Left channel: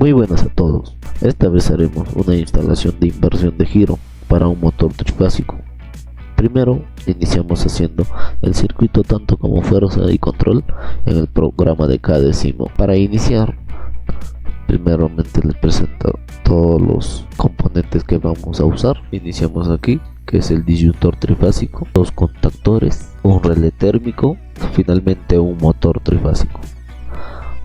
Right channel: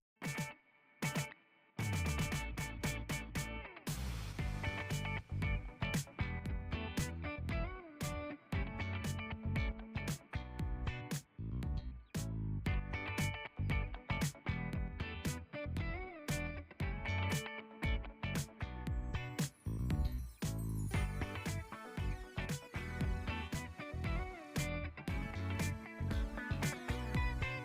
Muy buenas a todos. Esta vez haremos una instalación de inversión de giro para un motor trifásico. Primero iniciamos haciendo el circuito tanto como fuerza y control en el programa de cada décimo. Para iniciar, primeramente les presento todos los componentes que vamos a usar. Iniciamos aquí, que es el disyuntor trifásico, dos contactores, un relé térmico, finalmente un motor trifásico.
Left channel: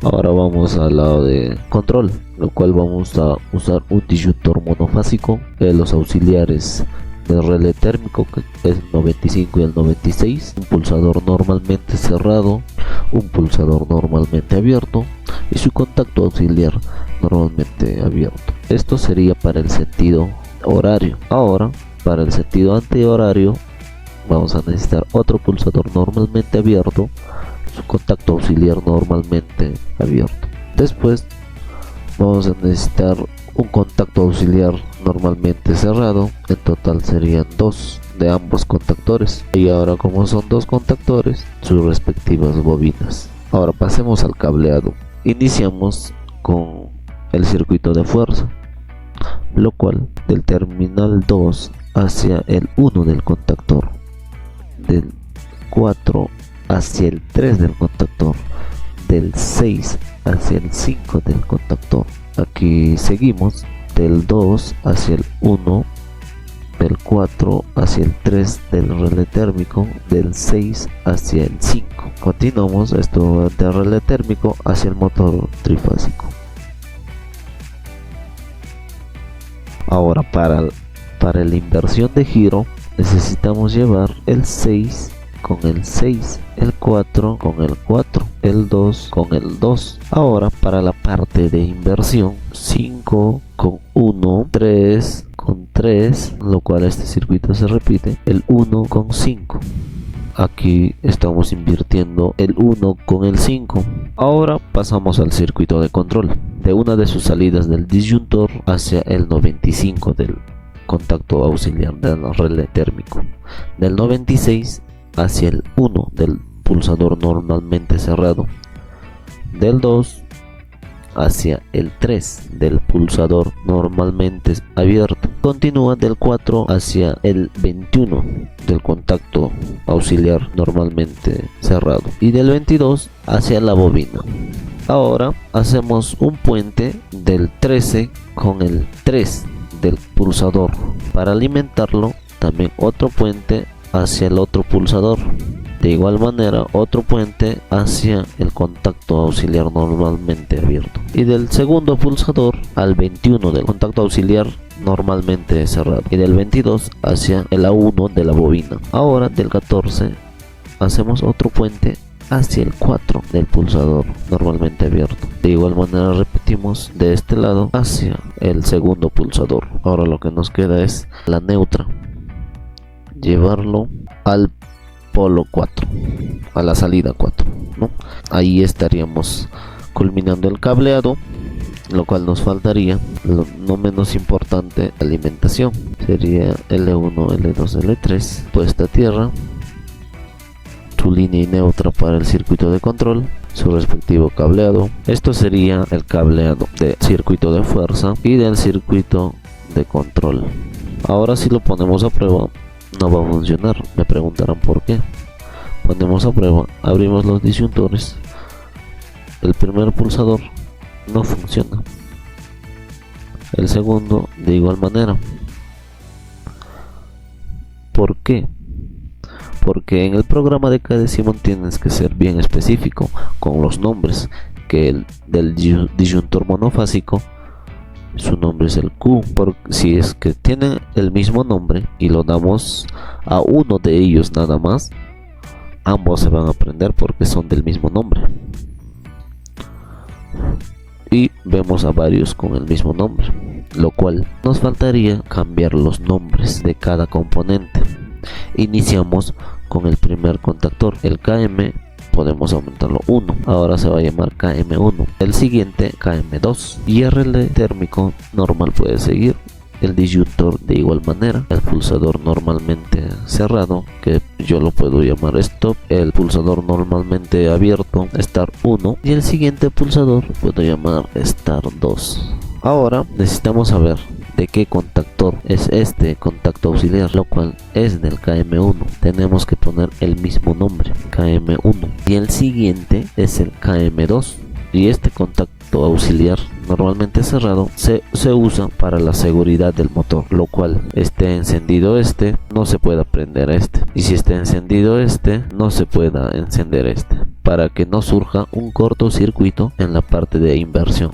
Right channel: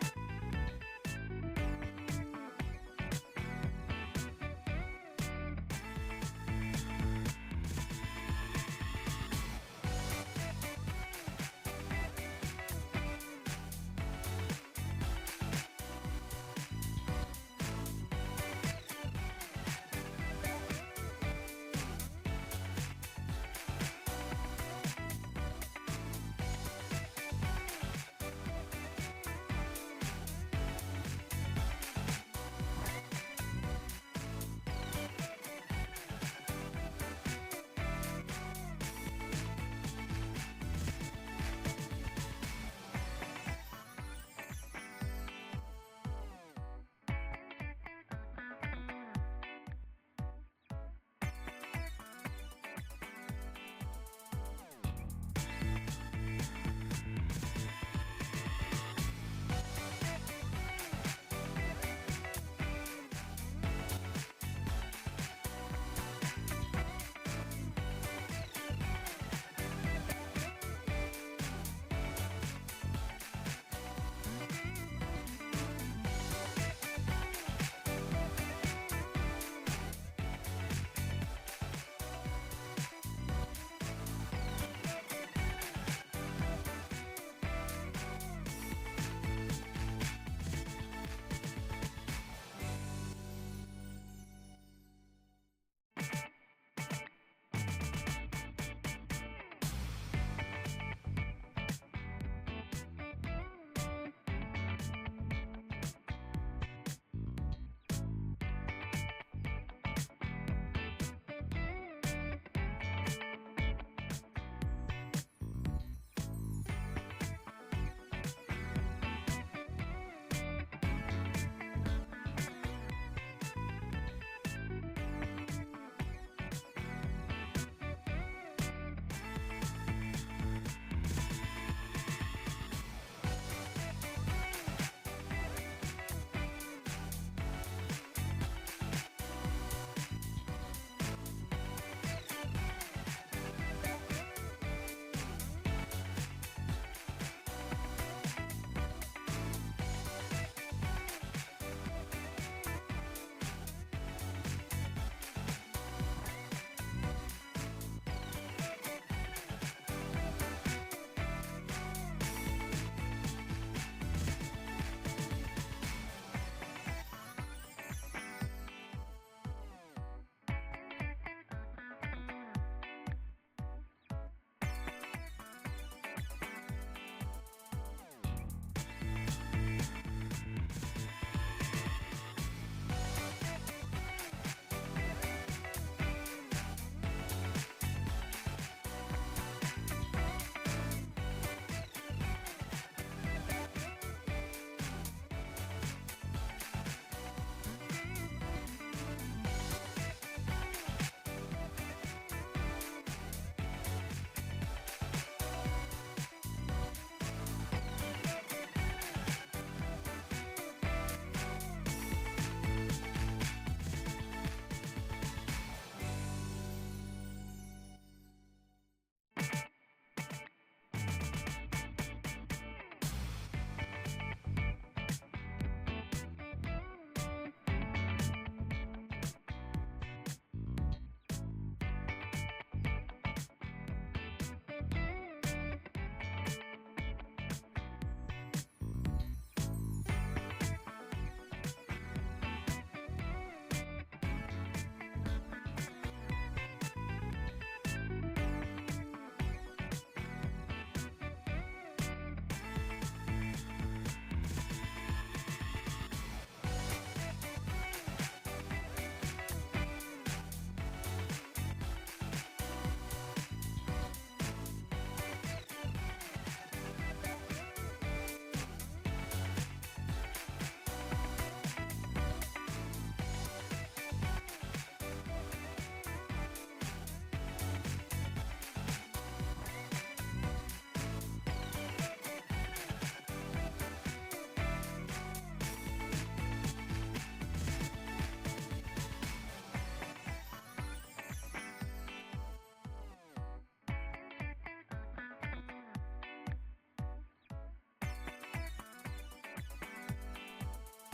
Ahora vamos al lado de control, lo cual vamos a usar un disyuntor monofásico, los auxiliares del relé térmico, que es el 95 y el 96, un pulsador normalmente cerrado, un pulsador normalmente abierto y su contacto auxiliar normalmente abierto. Esto sería para el sentido horario. Ahora, para el sentido antihorario, vamos a necesitar otro pulsador normalmente abierto, su contacto auxiliar normalmente abierto. Después vamos a necesitar un contacto auxiliar normalmente cerrado. En total serían dos de ambos contactores, y ahora, como son dos contactores, sus respectivas bobinas. Ahora pasemos al cableado. Iniciamos con el circuito de fuerza, lo cual del terminal 2 hacia el 1 del contactor, del 4 hacia el 3 del contactor, del 6 hacia el 5 del contactor. Aquí seguimos del 2 hacia el 1, del 4 hacia el 3 del relé térmico, del 6 hacia el 5. Continuamos esto del relé térmico hacia el motor trifásico. Ahora para la inversión de giro necesitamos llevar el 6 con el 6, el 4 con el 4, el 2 con el 2. Ahora para la parte de inversión, 5 con 1, 3 con 3, lo cual este circuito se repite, el 1 con 5. Aquí estamos invirtiendo el 1 con el 5. Ahora pasamos al circuito de control. De una de sus salidas del disyuntor hacia el 95 del contacto auxiliar del relé térmico. Del 96 hacia el 1 del pulsador normalmente cerrado, del 2 hacia el 3 del pulsador normalmente abierto. Continúa del 4 hacia el 21 del contacto auxiliar normalmente cerrado, y del 22 hacia la bobina. Ahora hacemos un puente del 13 con el 3 del pulsador. Para alimentarlo, también otro puente hacia el otro pulsador. De igual manera, otro puente hacia el contacto auxiliar normalmente abierto, y del segundo pulsador al 21 del contacto auxiliar normalmente cerrado, y del 22 hacia el A1 de la bobina. Ahora del 14 hacemos otro puente hacia el 4 del pulsador normalmente abierto. De igual manera repetimos de este lado hacia el segundo pulsador. Ahora lo que nos queda es la neutra, llevarlo al polo 4, a la salida 4, ¿no? Ahí estaríamos culminando el cableado, lo cual nos faltaría, no menos importante, alimentación. Sería L1, L2, L3, puesta a tierra, su línea neutra para el circuito de control, su respectivo cableado. Esto sería el cableado del circuito de fuerza y del circuito de control. Ahora, si lo ponemos a prueba, no va a funcionar. Me preguntarán por qué. Ponemos a prueba, abrimos los disyuntores, el primer pulsador no funciona, el segundo de igual manera. ¿Por qué? Porque en el programa de cada décimo tienes que ser bien específico con los nombres, que el del disyuntor monofásico, su nombre es el Q. Si es que tienen el mismo nombre y lo damos a uno de ellos nada más, ambos se van a aprender porque son del mismo nombre. Y vemos a varios con el mismo nombre, lo cual nos faltaría cambiar los nombres de cada componente. Iniciamos con el primer contactor, el KM. Podemos aumentarlo 1, ahora se va a llamar KM1, el siguiente KM2, y el relé térmico normal puede seguir, el disyuntor de igual manera, el pulsador normalmente cerrado, que yo lo puedo llamar stop. El pulsador normalmente abierto, start 1, y el siguiente pulsador puedo llamar start 2. Ahora necesitamos saber de qué contactor es este contacto auxiliar, lo cual es del KM1. Tenemos que poner el mismo nombre, KM1, y el siguiente es el KM2. Y este contacto auxiliar normalmente cerrado se usa para la seguridad del motor, lo cual esté encendido este, no se pueda prender este, y si está encendido este, no se pueda encender este, para que no surja un cortocircuito en la parte de inversión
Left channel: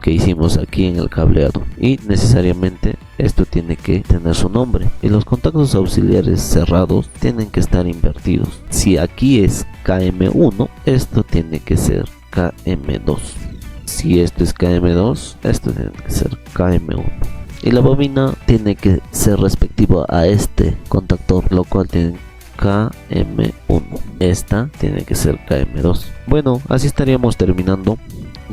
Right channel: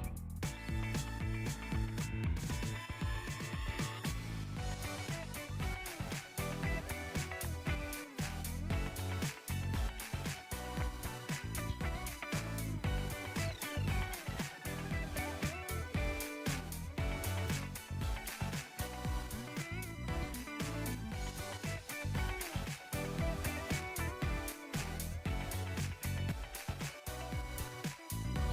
que hicimos aquí en el cableado. Y necesariamente esto tiene que tener su nombre, y los contactos auxiliares cerrados tienen que estar invertidos. Si aquí es KM1, esto tiene que ser KM2. Si esto es KM2, esto tiene que ser KM1. Y la bobina tiene que ser respectiva a este contactor, lo cual tiene KM1. Esta tiene que ser KM2. Bueno, así estaríamos terminando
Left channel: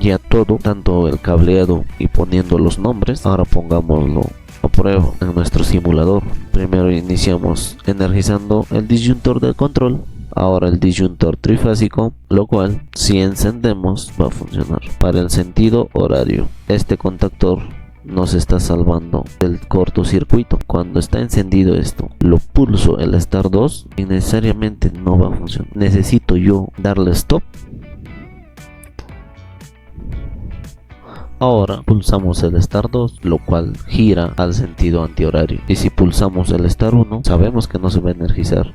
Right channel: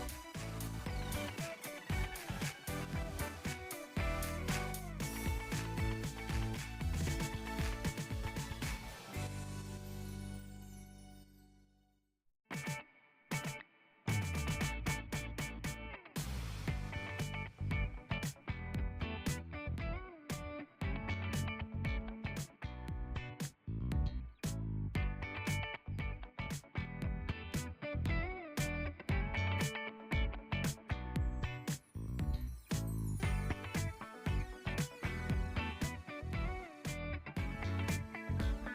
ya todo, tanto el cableado y poniendo los nombres. Ahora pongámoslo a prueba en nuestro simulador. Primero iniciamos energizando el disyuntor del control, ahora el disyuntor trifásico, lo cual si encendemos va a funcionar para el sentido horario. Este contactor nos está salvando del cortocircuito. Cuando está encendido esto, lo pulso el start 2 y necesariamente no va a funcionar. Necesito yo darle stop. Ahora pulsamos el start 2, lo cual gira al sentido antihorario, y si pulsamos el start 1, sabemos que no se va a energizar.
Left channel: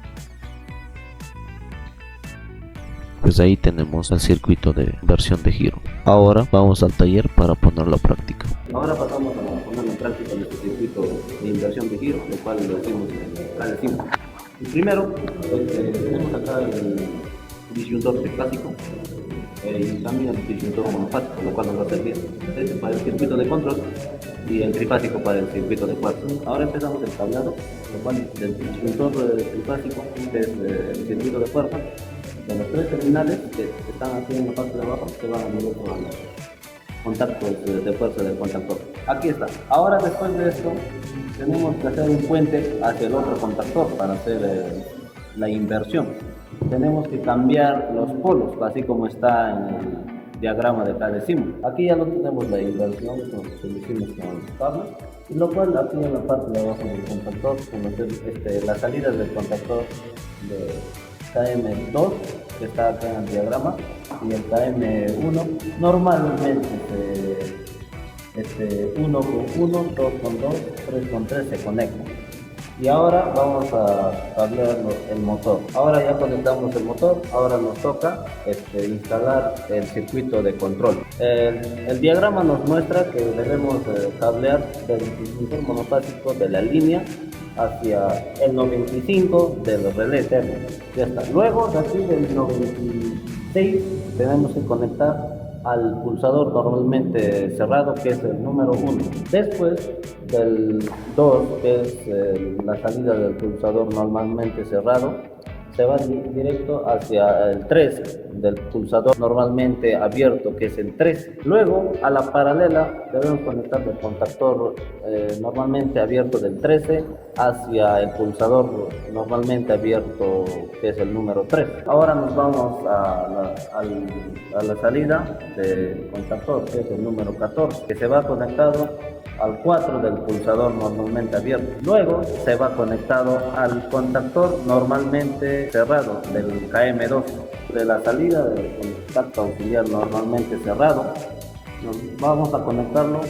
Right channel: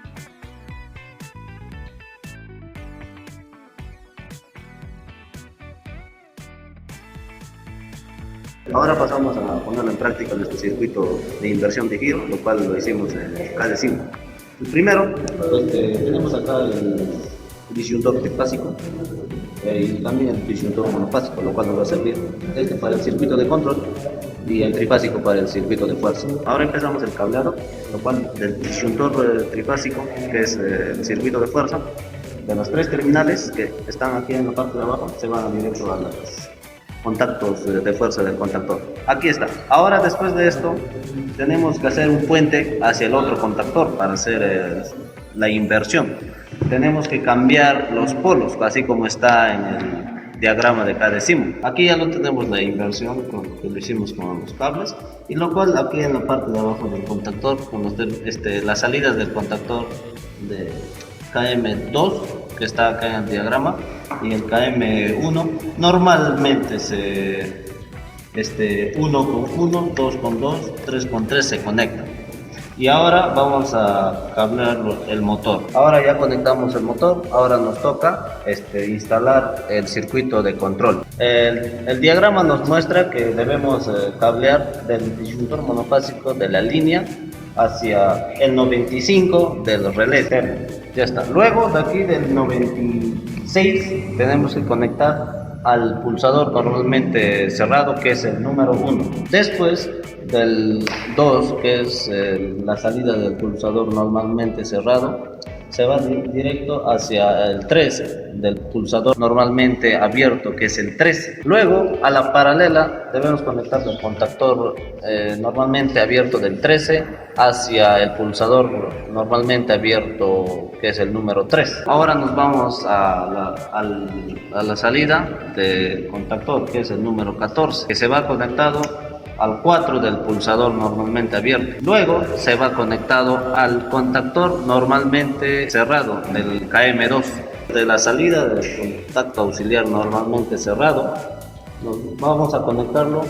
Pues ahí tenemos el circuito de inversión de giro. Ahora vamos al taller para ponerlo a práctica. Ahora pasamos a ponerlo en práctica nuestro circuito de inversión de giro, lo cual lo hicimos en KD5. Primero, tenemos acá el disyuntor trifásico y también el disyuntor monofásico, lo cual nos va a servir para el circuito de control y el trifásico para el circuito de fuerza. Ahora empezamos el cableado, lo cual del disyuntor trifásico, que es el circuito de fuerza, de los tres terminales que están aquí en la parte de abajo, se van directo a los contactos de fuerza del contactor. Aquí está. Ahora, después de esto, tenemos que hacer un puente hacia el otro contactor para hacer la inversión. Tenemos que cambiar los polos, así como está en el diagrama de KD5. Aquí ya lo tenemos la inversión, que lo hicimos con los cables, y lo cual aquí en la parte de abajo del contactor, con las salidas del contactor de KM2, que está acá en el diagrama, y el KM1, normalmente 1 con 1, 2 con 2, 3 con 3 se conectan. Y ahora vamos a cablear el motor. Ahora ya conectamos el motor, ahora nos toca instalar el circuito de control. El diagrama nos muestra que debemos cablear del disyuntor monofásico de la línea hacia el 95 de los relés. Ya está. Luego de aquí del 96 tenemos que conectar al pulsador normalmente cerrado, que es el número 1. Después del 2, que es la salida del pulsador normalmente cerrado, se va directo hacia el 13 del pulsador normalmente abierto, que es el 13. Luego, a la paralela, debemos conectar el contactor normalmente abierto del 13 hacia el pulsador normalmente abierto, que es el número 3. Ahora nos vamos a la salida del contactor, que es el número 14, que se va conectado al 4 del pulsador normalmente abierto. Luego se va conectado al contactor normalmente cerrado del KM2. De la salida del contacto auxiliar normalmente cerrado, vamos a conectarlo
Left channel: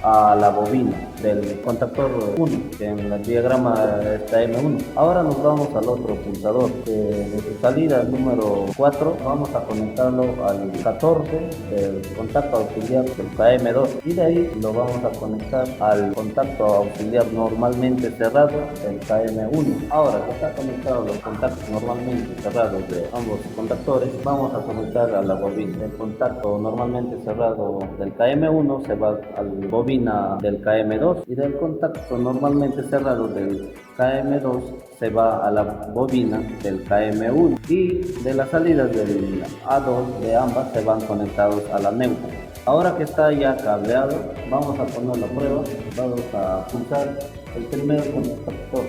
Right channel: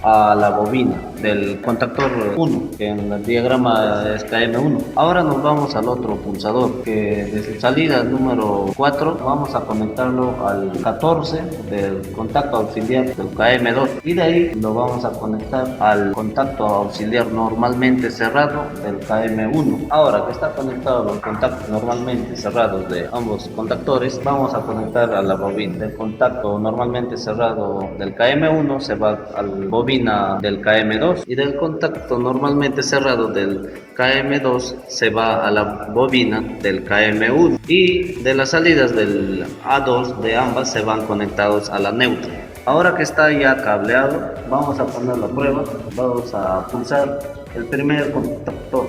a la bobina del contactor 1, que en el diagrama es KM1. Ahora nos vamos al otro pulsador, que desde salida número 4 vamos a conectarlo al 14 del contacto auxiliar del KM2, y de ahí lo vamos a conectar al contacto auxiliar normalmente cerrado del KM1. Ahora que está conectado los contactos normalmente cerrados de ambos contactores, vamos a conectar a la bobina. Del contacto normalmente cerrado del KM1 se va al bobina del KM2, y del contacto normalmente cerrado del KM2 se va a la bobina del KM1, y de las salidas del A2 de ambas se van conectados a la neutra. Ahora que está ya cableado, vamos a poner la prueba. Vamos a pulsar el primer contactor.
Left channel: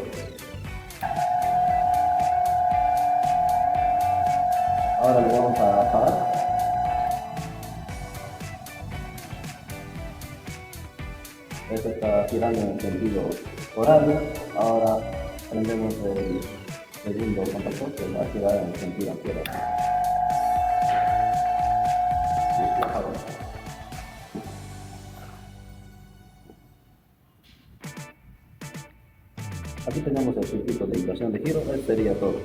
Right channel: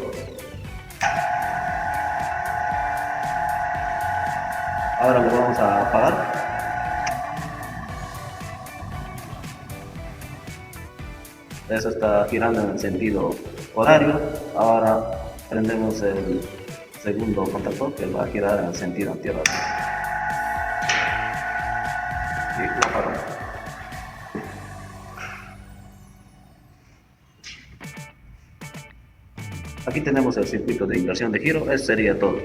Ahora lo vamos a apagar. Eso está girando en el sentido horario. Ahora prendemos el segundo contactor que va a girar en el sentido antirrotario. Y lo apagamos. Aquí tenemos el circuito de inversión de giro. Eso sería todo.